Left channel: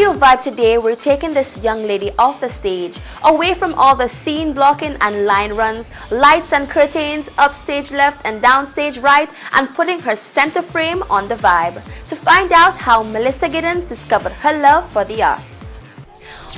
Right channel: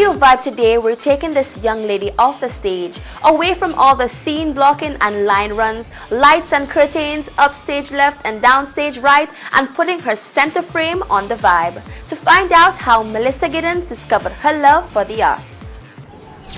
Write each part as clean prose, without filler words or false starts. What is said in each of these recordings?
You Vibe today, we're taking this young lady off the stage, away from all the scene blocking and line runs, lights and curtains, upstage left and downstage right, and putting her center frame on the vibe, to find out how Mellisa Gittens discovered her love for the arts.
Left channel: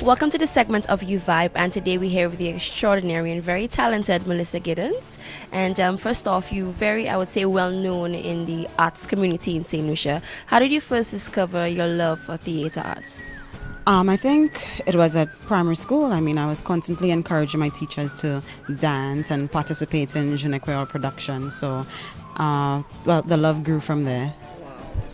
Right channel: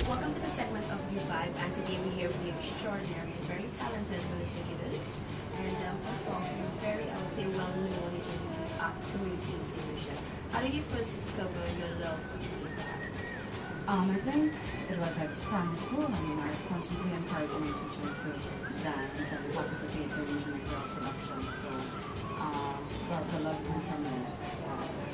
Welcome to the segment of You Vibe, and today we're here with the extraordinary and very talented Mellisa Gittens. And first off, you're very, I would say, well known in the arts community in St. Lucia. How did you first discover your love for theater arts? I think it was at primary school. I mean, I was constantly encouraging my teachers to dance and participate in je ne sais quoi production. So, well, the love grew from there.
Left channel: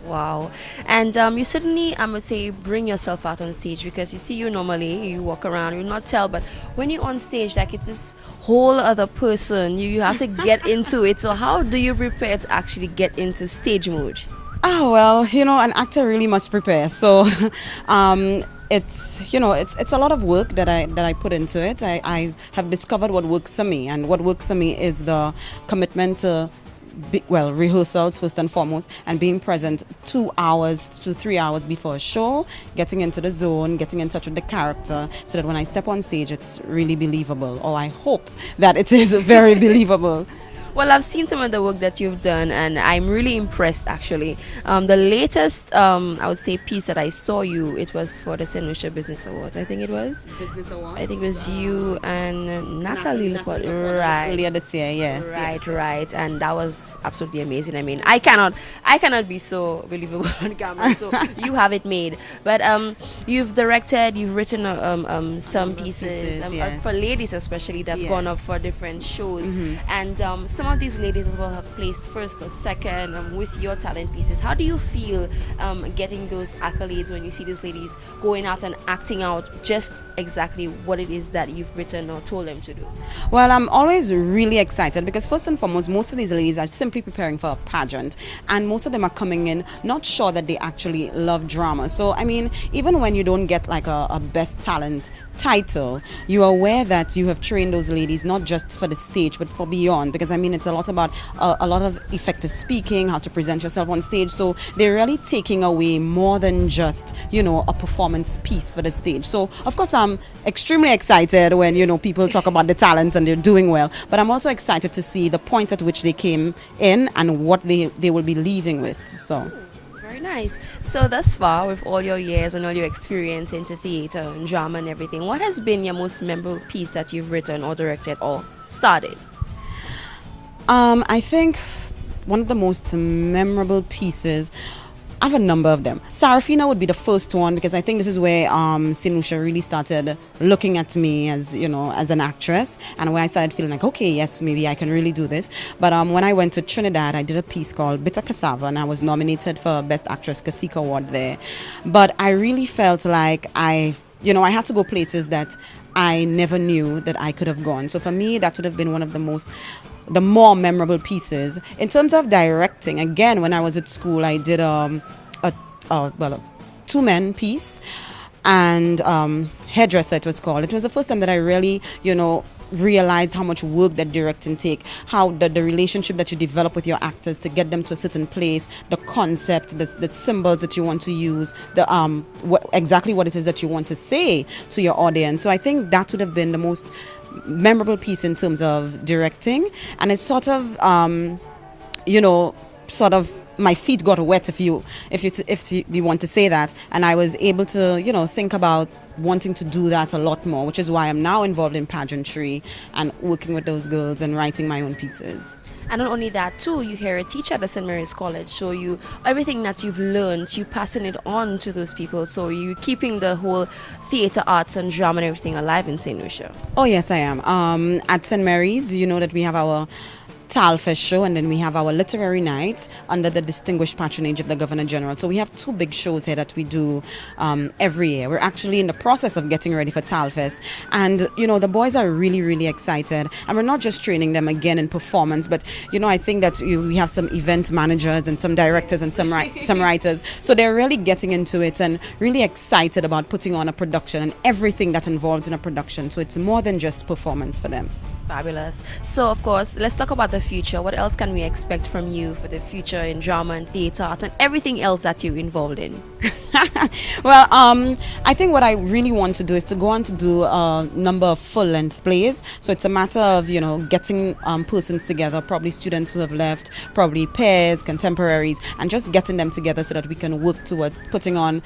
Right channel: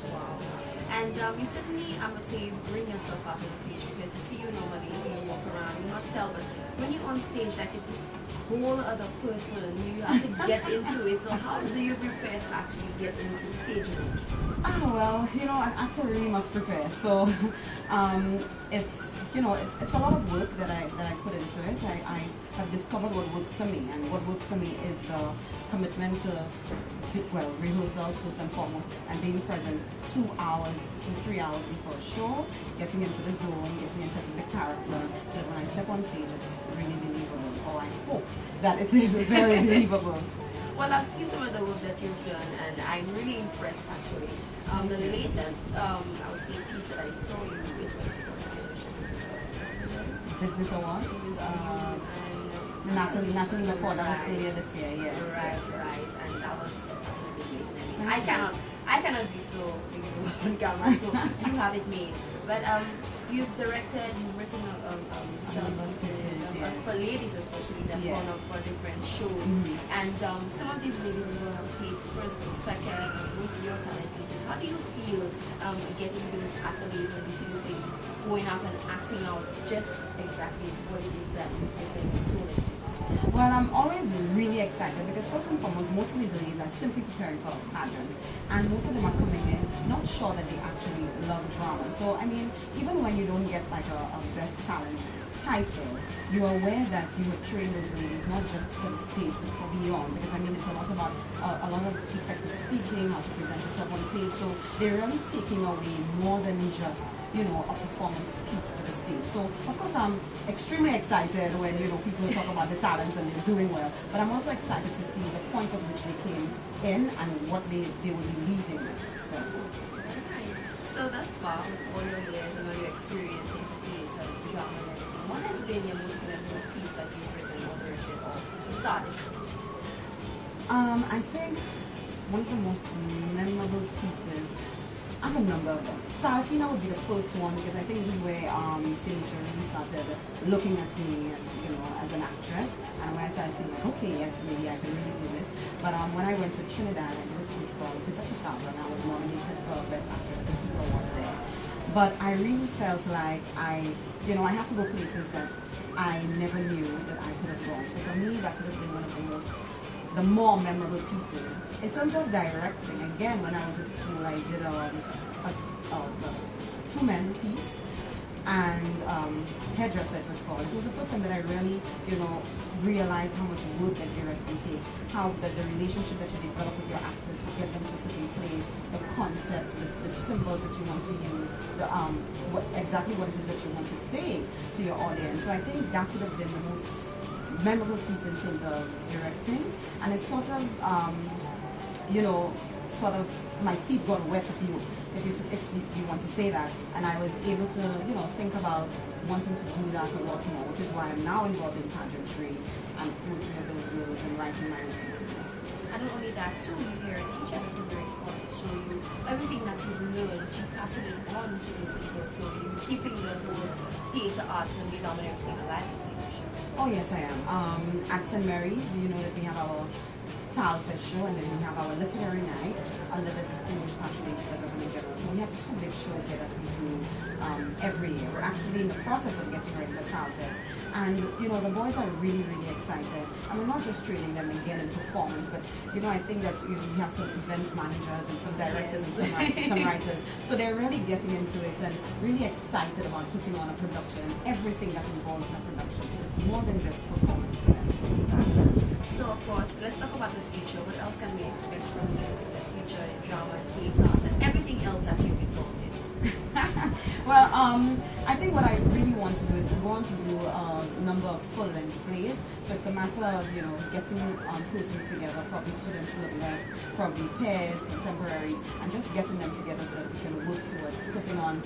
Wow. And you certainly, I would say, bring yourself out on stage, because you see, you normally, you walk around, you not tell, but when you're on stage, like, it's this whole other person. You have to get into it. So how do you prepare to actually get into stage mode? Well, you know, an actor really must prepare. So it's, you know, it's a lot of work that I put into it. I have discovered what works for me, and what works for me is the commitment to rehearsals first and foremost, and being present 2 hours to 3 hours before a show, getting into the zone, getting in touch with the character, so that when I step on stage, it's really believable, or I hope that it is very believable. Well, I've seen some of the work that you've done, and I'm really impressed, actually. The latest, I would say, piece that I saw you, it was for the St. Lucia Business Awards, I think it was. Business Awards? I think it was you and Natalie. Right. Earlier this year, yes. Right. And that was absolutely amazing. I mean, I cannot be so believable on camera, so you have it made. But you've directed, you've written some pieces yes. for ladies especially that have gone up for different shows. And some of these ladies as well have placed first or second with your talent pieces. How do you feel getting those accolades when you see these ladies going out and acting out just exactly what it is that you've written or told them to do? Well, I'm always really excited, because first and foremost, most of these ladies are simply preparing for a pageant, and most of them are coming in not sure that they actually love drama. So, I mean, even when you don't get like a best talent title, you are aware that you have trained those ladies not just for the stage but for beyond, because I mean, it's a lot about a lot of effective speaking, how to present yourself on stage. So they're really taking away more than just, you know, a performance piece for the stage. So of course I'm extremely excited when, you know, people talk about the talents and they're doing well, but I'm also excited to see the point at which they came in and what they will be leaving with. So nice. So thus far, with all your years and all your experience into theater and drama and everything, what has been your most memorable piece that you've written or directed or started? I think one of the most memorable pieces, I have a number of them. Sarafina would be the first one, because I think this is where St. Lucia really started looking at me as, you know, as an actress, and where I started feeling like, okay, yes, maybe I can really do this. But when I went to Trinidad, I did a piece called Bitter Cassava, and I was nominated for Best Actress Cacique Award there. But I really felt like I had to go places that I never knew that I could have gone. So for me, that would have been one of the more memorable pieces. In terms of directing, again, when I was at school, I did a two-man piece, and Hairdresser it was called. It was the first time that I really, you know, realized how much work that directing take, how the relationship that you develop with your actors to get them to a certain place, the concept, the symbols that you want to use, exactly what it is that you want to say to your audience. So I think that would have been the most memorable piece in terms of directing, and it's sort of my feet got wet, if you want to say that, and I was able to, you know, think about wanting to do that a lot more, which is why I'm now involved in pageantry and working with those girls and writing my own pieces. And not only that too, you're a teacher at the St. Mary's College, so you everything that you've learned, you passing it on to those people, so you keeping the whole theater arts and drama and everything alive in St. Lucia. Oh yes, I am. At St. Mary's, you know that we have our Talfest show, and then we have our literary night under the distinguished patronage of the Governor General. So we have two big shows here that we do every year. We're actually in the process of getting ready for Talfest, and you know, the boys are really, really excited, and we're not just training them again in performance, but you know, I think that we have some event managers and some directors and some writers, so they're really getting into it and really excited about putting on a production and everything that involves in a production. So it's more than just performance for them. Fabulous. So of course, let's talk about the the future? What else can we expect from you for the future in drama and theatre art and everything else that you're involved in? Well, I think what I really want to do is to go on to do a number of full-length plays. So it's a matter of, you know, getting persons together, probably students who have left, probably peers, contemporaries, and just getting them together so that we can work towards putting on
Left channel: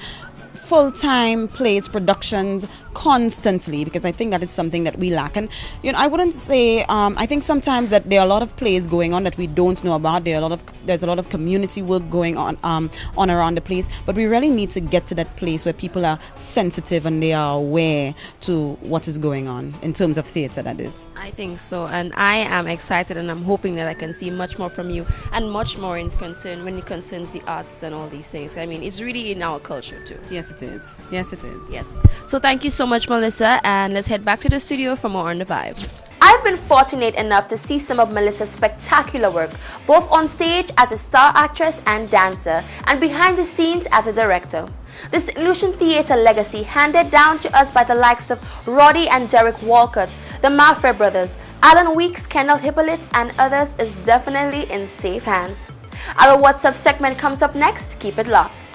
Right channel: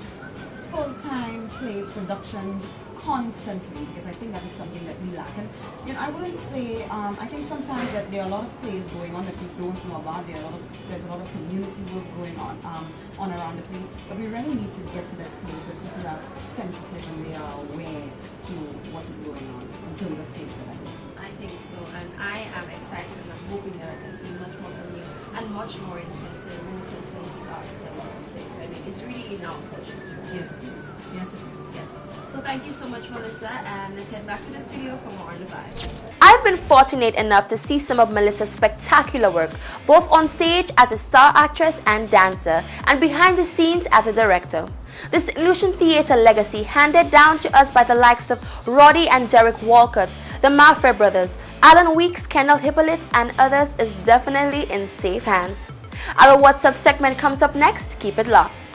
full-time plays, productions constantly, because I think that is something that we lack. And you know, I wouldn't say I think sometimes that there are a lot of plays going on that we don't know about. There's a lot of community work going on around the place, but we really need to get to that place where people are sensitive and they are aware to what is going on in terms of theatre, that is. I think so, and I am excited, and I'm hoping that I can see much more from you and much more when it concerns the arts and all these things. I mean, it's really in our culture too. Yes, it is. Yes, it is. Yes. So thank you so much, Mellisa, and let's head back to the studio for more on the Vibe. I've been fortunate enough to see some of Melissa's spectacular work, both on stage as a star actress and dancer, and behind the scenes as a director. This illusion theatre legacy, handed down to us by the likes of Roddy and Derek Walcott, the Malfre brothers, Alan Weeks, Kendall Hippolyte, and others, is definitely in safe hands. Our WhatsApp segment comes up next. Keep it locked.